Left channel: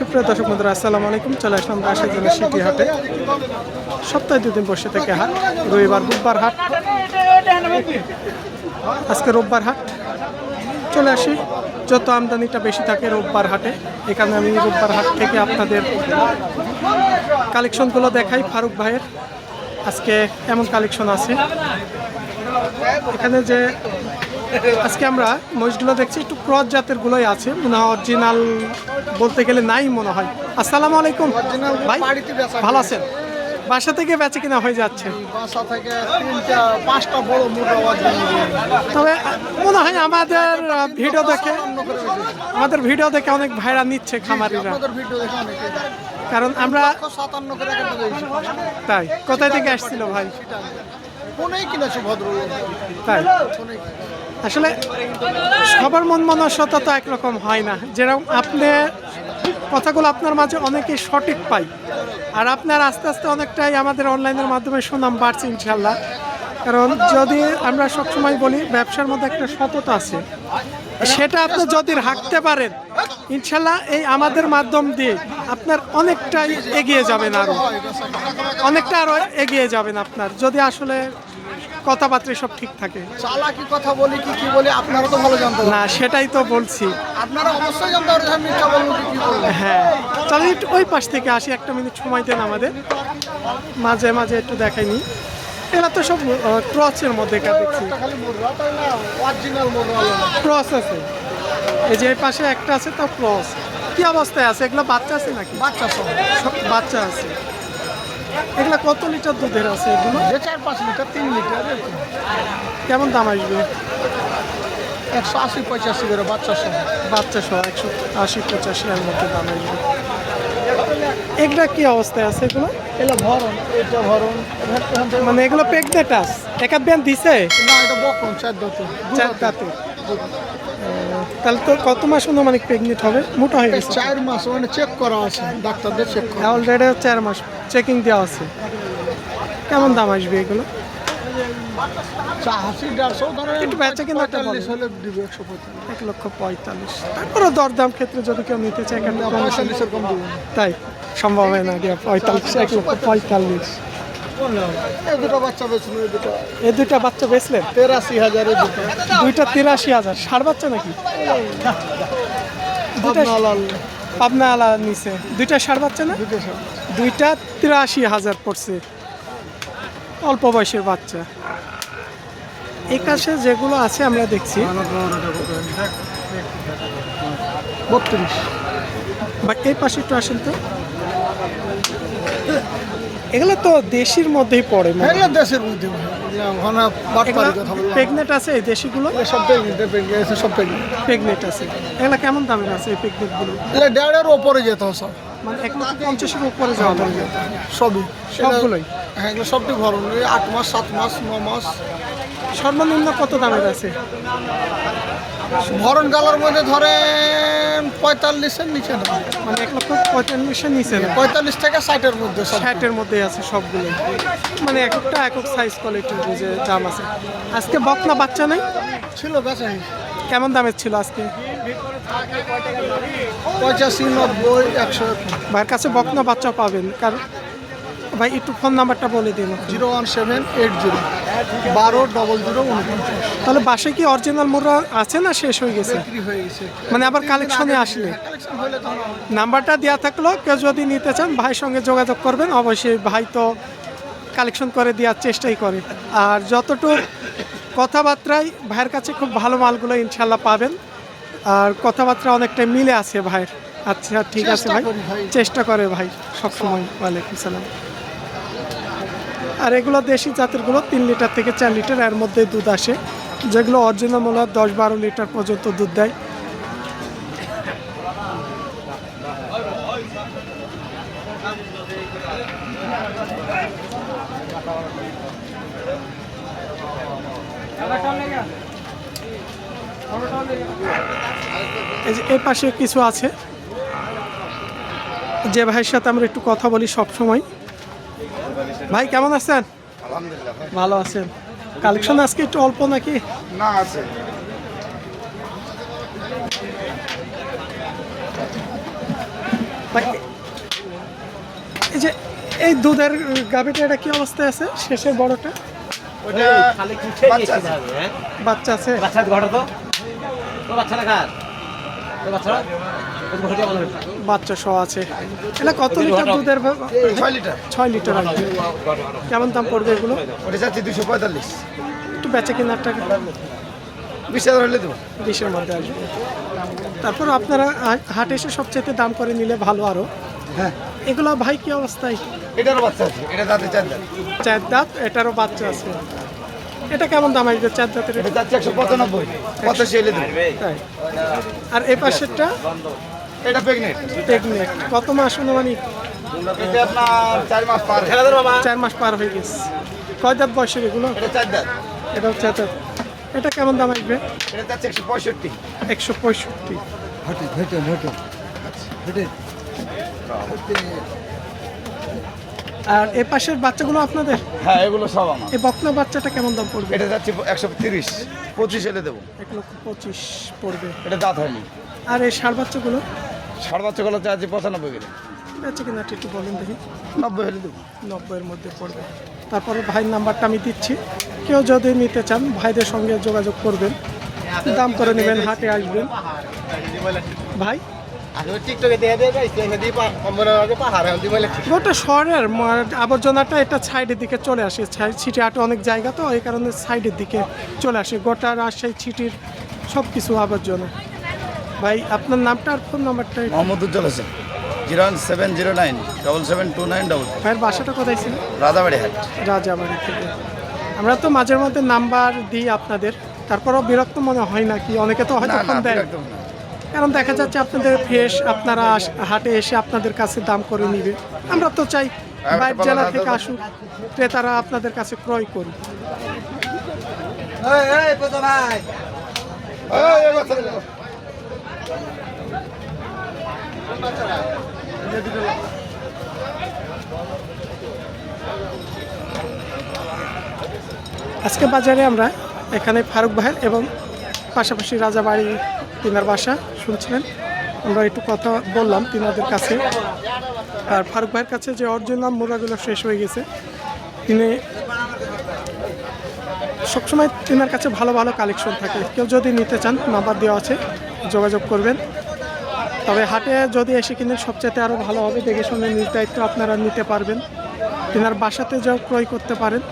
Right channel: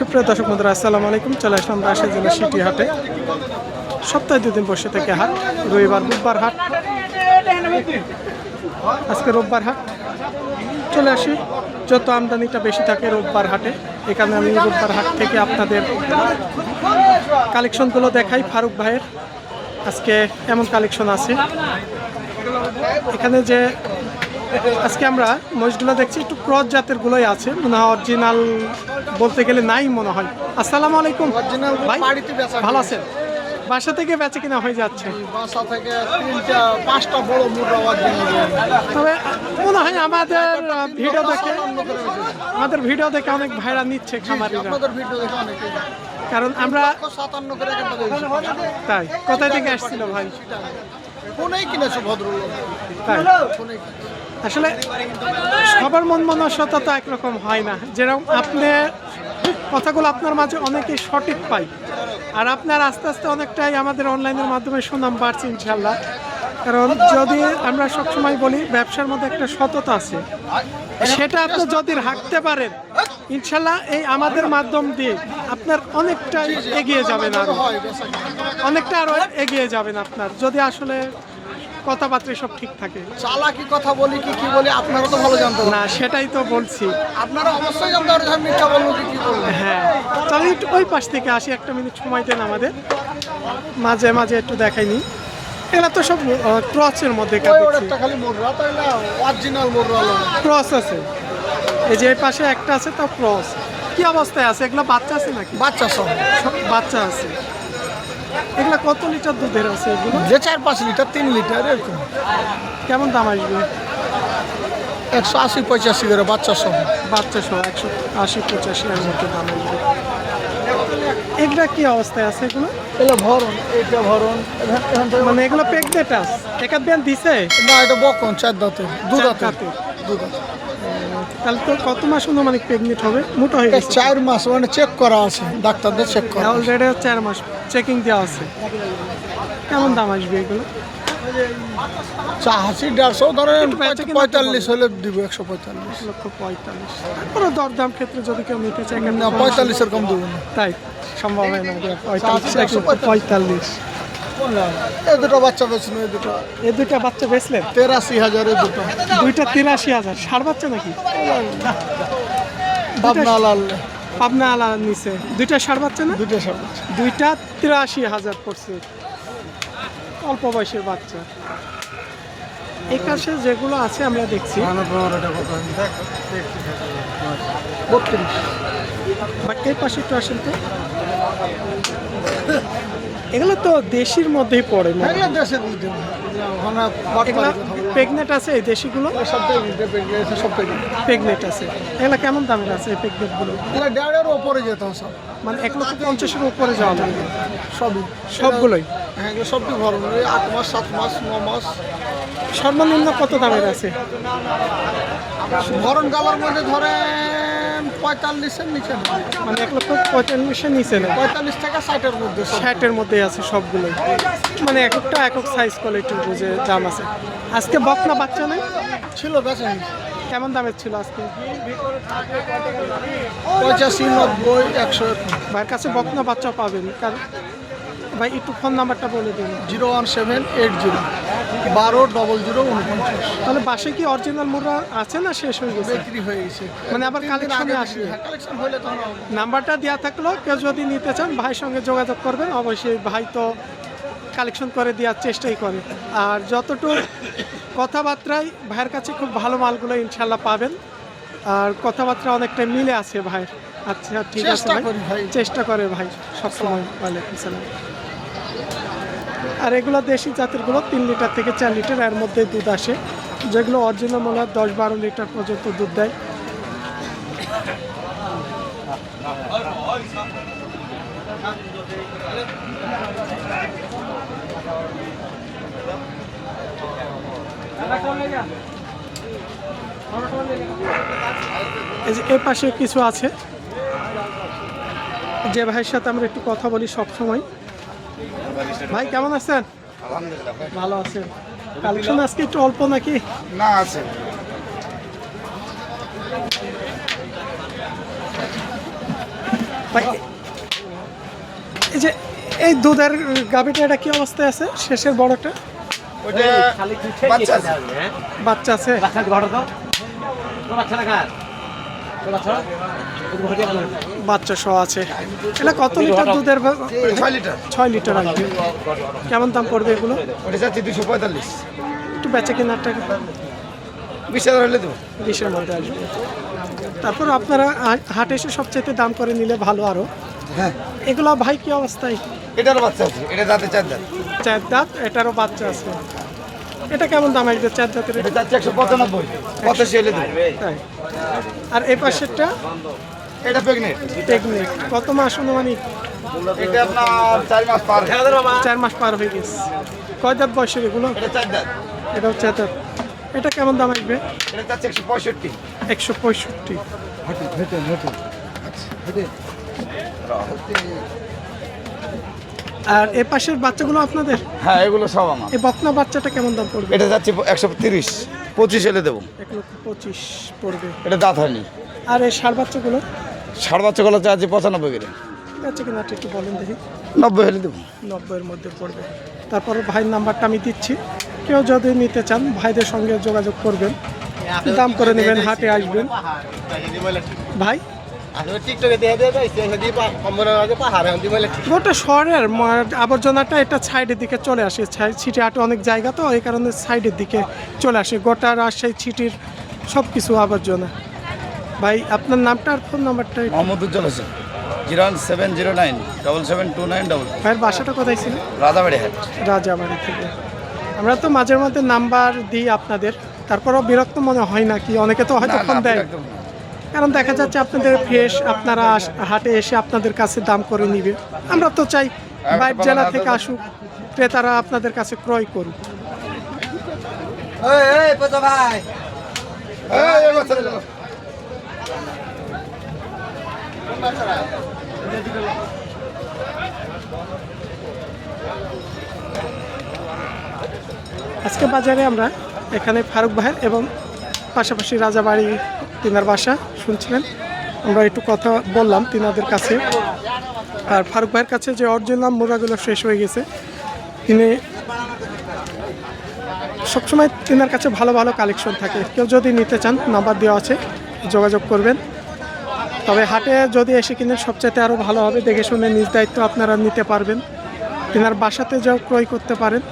সুপ্রিয় দর্শক বন্ধুরা, আসসালামু আলাইকুম। চলে আসলাম রাজশাহী জেলার সিটি হাটে। সপ্তাহে দুদিন বসে থেকে হাট, রবিবার, বুধবার হাট। আজকে রোববার হাট। চলে আসি। যত আমদানিটা বেশি থাকে রোববার হাটে, এখানে আমি রোববার হাট থেকে আপনাদের কালেকশনগুলো দেখাই ফারুক ভাইয়ের। আজকে এমন কালেকশন আছে। এখানে যে আজকে আমরা মহিষগুলো দেখছি, একটু ক্রস জাতের গুলোই আছে। মনে হয় অরিজিনাল বলতে গেলে নাই মনে হয়। আসসালামু আলাইকুম। ভাই ভালো আছেন? বাসা থেকে বেচে কিনা হয়ে যাচ্ছে। বাসা থেকে তিনটা পাঁচটা বড় মুদ্রা তবে মনে হয় আমাদের ভিডিও দেখে আমাদের ভিডিও দেখে অনেক ভাইরা নিচ্ছে খামারিরা। ভিডিও দেখে অনেকে কারণ আমরা সাতান্ন করে তাই কোথায় থেকে আসছিল ভাই? ফোনেই কিনেছো ভদ্রলোক? তাই। আসলে সবার মন মনস্বতা তো একরকম হয় না। যেরকম আপনি কথাগুলো আপনার মাঝে অনেকেই সঠিক পাই আর আপনার আস্তে আস্তে অনেকটাই আমাদের অনলাইনের মাধ্যমে সুনাম বাড়ছে ইনশাল্লাহ কারণ যদি আমরা সবসময় বলি, ব্যবসার মধ্যে একটা সততা আছে। সেটা আপনি যদি রাখতে পারেন ইনশাল্লাহ এই আমাদের মাধ্যম দিয়ে আপনার অনেকটাই এগিয়ে যাবেন আরও অনেকটা আরও এগিয়ে যাবেন আপনার। যদি আসলে কথাবার্তা সব ঠিক থাকে। চালাকি কথা বলি কি কি বলি আপনারা তো ভালো জানতে না সেটাই তো বলছি। আপনারা অবশ্যই জানতে পারেন আমি মিথ্যা বলব কি কি বলব। হ্যাঁ তাহলে একটু ওই পাশ থেকে আসি একটা মিনিট সময় দেন আমাদের। মাঝে মাঝে একটু দেখাইনি এরা তো সব ক্রসের মধ্যে কা দেখছি। না? আলো ক্রস আছে। এই যে পাশে একটা আছে তাও ক্রস। কি অবস্থায় আছে? এগুলো বাচ্চা আছে নাকি? বাচ্চা বাচ্চা আছে। এগুলো কত লিটার দুধের আছে এগুলো? যে চার পাঁচ লিটার তিন লিটার এরকম। কেমন দাম আসবে? একশো আশি পঁচাশি করে বাচ্চা সব বাচ্চা সহ একশো আশি পঁচাশি এর মধ্যে দাম আসবে। এগুলা কি অবস্থায় আছে এগুলো? এগুলো ভরণ এটা ভরণ। মানে এগুলো আস একাত ব্যান দিছে? না এটা বকন চার দাঁতে চার দাঁতে। তাহলে তো কত মাস অনুমানিক প্রেগনেন্ট হবে? মোটা হয়ে গেছে। চার মাস মানে চেক করা আছে ডাক্তারদের চেক করা অলরেডি চার মাস চেকিং দেওয়া আছে। কেমন দাম আসবে এগুলো? দেড়শো ধরেন পঁয়তাল্লিশ হলে দিব একশো পঁয়তাল্লিশ। লক্ষ পঁয়তাল্লিশ। তারপরে দরদাম ক্ষেত্রে যদি কেউ নিতে চায় কেন না পঁয়তাল্লিশের কম দেবো তাই সম্ভব হয় না পঁয়তাল্লিশ এক লক্ষ পঁয়তাল্লিশ। এই দুটো বাচ্চা এই দুটো। এই দুইটা বাচ্চা বেচলেন? তেরাশি হাজার এই দুটো। দুইটা তিরাশি হাজার। ষাট বাচ্চা নাকি? পাবনা আলা নিচে দুইটা ষাট বাচ্চা না? দুটো দুইটা তিরাশি হাজার পড়ছে। অল্প বয়সের বাচ্চা। এই পাশে যেগুলো আছে আমরা দেখছি। বত্রিশ। বা এই পাশে একটু আসেন তো। এগুলো তো দেশির মধ্যেই পড়ে। এগুলো দেশের মধ্যে। প্রেগনেন্ট আছে এই দেশিগুলো? সব প্রেগনেন্ট আছে। এগুলো কেমন দামের আছে এই প্রেগনেন্টগুলো এগুলো দেড়ের ওপরে যেত সব। মানে এক লক্ষ পঞ্চাশের উপরে যাওয়া লাগবে সবই। সবগুলোই? হ্যাঁ এগুলো সবটি ভরণ আট মাস সাত মাস ন মাস। সর্বনিম্ন কত দামের আছে? ভরণ গালার মধ্যে ধরেন পঁয়তাল্লিশের নিচে না? মানে এক লক্ষ পঁয়তাল্লিশের নিচে না? পঁয়তাল্লিশ থেকে ষাটের মধ্যে ষাটের মধ্যে আছে সবগুলোই মানে এক একটা একক সাইজ কোয়ালিটির বুঝে দাম আছে। আজকে বকনা বাচ্চা নেই? ছিল বেচাই কেমন দামের ছিল আজকে? পঁচাশি নব্বই একশো ভাইয়ের কাছে বকনা বাচ্চা পাবেন। কারণ ভাই একটু ফোন নাম্বারটা বলে দিন। Zero one seven eight zero. বারো ডবল জিরো উনপঞ্চাশ। তাহলে বাসে কি অরিজিনাল মোড়া আছে না শেষ হয়ে গেছে? বিক্রি হয়ে গেছে। মানে আবার কালেকশনে আসবে। কালেকশন হলে তখন নাম্বারটা দেওয়া থাকলেও কেউ যদি নিতে চান ভাইয়ের সঙ্গে যোগাযোগ করবেন অবশ্যই ভাই তো কালেকশন করে দেওয়ার চেষ্টাই করে। আর যতটুকু কথাবার্তায় ভাইয়ের কাছে খুব ভালো মালগুলো ইনশাল্লাহ পাবেন। আর কথাবার্তা অনেকটা মিলে আছে ভাইয়ের। আচ্ছা ঠিক আছে চেষ্টা ভাই। চেষ্টা করে ভাই। সবসময়। ওয়ালাইকুম সালাম। আর এগুলো দেশি জাতেরগুলো তিন লিটার থেকে চার লিটার, এর মধ্যে দুধ আসে। যেগুলো অরিজিনাল মূল্য দশ বারো লিটার পর্যন্ত দুধ দেয়। এই যে এই পাশে কিছু আছে। যে ভাইয়ের সাথে আমরা একটু কথা বলি সব সময় ভাই কেমন আছেন? আলহামদুলিল্লাহ ভালো আছেন। কালেকশন আজকে একটু অল্প নাকি? না আছে। এই যে এই দুধের গাভিটা এটা কি অবস্থায় আছে? শেষের বড়টা? বাচ্চা আছে। বাচ্চা আছে? বাচ্চা ঘটা তো? বাচ্চা বাচ্চা সহ আছে। এটা কত লিটার দুধের ছয় লিটার। ছয় লিটার আসবে কেমন দাম পড়বে এগুলো? ওটা দুশো পঁয়তাল্লিশ। একটু বেচা কেনার টাকা। বিশ হাজার হলে দেবো। বিশের মধ্যে আসবে। তারপর আপনারা হাটে এসে সবচেয়ে দাম করে নিলে ভালো আরও। হ্যাঁ। এগুলো ভাই কি অবস্থায়? এটারও বাচ্চা আছে এটা দাঁতে চার দাঁত। চার দাঁত এটারও বাচ্চা আছে। এটা কেমন দাম আসবে চার দাঁতের এটা? যাচ্ছে একশো পঁচানব্বই। পঁচাশি হলে দেবো। তাই। আর এই পাশেরটা? এটা প্রেগনেন্ট প্রেগনেন্ট কত মাস অনুমানিক? এটা আপনার চার মাস পার চার মাস পার হয়ে গেছে। কয় দাঁত বয়সের এগুলো? এটা চার দাঁত। দাঁত। এটা কেমন দাম আসবে? এটা যাচ্ছে একশো পঁয়ষট্টি। একশো পঁয়ষট্টি। আর এ পাশের বাচ্চাগুলো আপনাদের? হ্যাঁ এগুলো সব আমার। এই বকনা বাচ্চাটা কেমন দাম পড়বে? এটা যাচ্ছে একশো তিরিশ। পঁচিশ হলে দেবো। এক লক্ষ পঁচিশ পড়বে। এটা দাঁত হয়নি। আর এই ষাড় বাচ্চাগুলো? সাড়ে বাচ্চাগুলো চার্জে পঁচানব্বই গেলে বাচ্চা কিনা একটু বলেন দেখি। নব্বই হলে দেবো। নব্বইয়ের মধ্যে পড়বে। তারপর ভাইয়ের নাম্বারটা আমি দিচ্ছি। কেউ যদি নিতে চান ভাইদের সঙ্গে যোগাযোগ করবেন। দাম করে নেবেন হাটে আসবেন। ভাই? গোটা শহরের আবর্জনাটা এটা সাইডের দিকে চলে আসে। ছিটি হাটে অনেক জায়গা তো এই কারণে সাইডের দিকে চলে আসে। গোটা রাজশাহী ছিটির সব কিছু আবর্জনা। ভাই আপনার নামটা আর ফোন নাম্বারটা Mohammad Ujjwal Hossain zero one seven zero nine double seven two nine double. ভাইয়ের বাসাটা কোথায় ছিল? রাধাবাড়ি হাট। রাজাবাড়ি থেকে। আমরা তো মাঝে মধ্যে নাম্বার দিই আপনাদের তারপরও বিরক্ত মনে হয় না কি? অনেকে তো হয়তো ফোন দেয়। কারণ দেখা যাচ্ছে আপনাদের ফ্রেশ আপনারা হাটে এসে আপনাদের কাছে দাম করে নিবে। আমরা তো চাই বাইর জেলা থেকে আসুক ক্রেতারা আপনাদের কাছে ক্রয় করি এই, এই বাচ্চা দিলো। আজকে বাজারে আমরা এখানে ফারুক ভাইয়ের এবং পাশাপাশি রাজাবাড়ি তিনার বাসা। শুনছিলেন। আমরা একটু কথা বললাম তিনাদের কাছে। আর ফারুক ভাইয়ের কাছে যে অরিজিনাল মুরাগুলো শেষ হয়ে গেছে, তিনি সবসময় তিনার কাছে ভালো ভালো কালেকশন থাকে। কেউ যদি নিতে চান নাম্বার দেওয়া আছে, যোগাযোগ করবেন। তবে হাটে যদি এসে কিনেন, সবচাইতে আরও ভালো হবে। দেখে শুনে নিজ দায়িত্ব আপনারা নিতে পারবেন। তিনার বাসাতে যাও, ক্রয় করতে পারেন।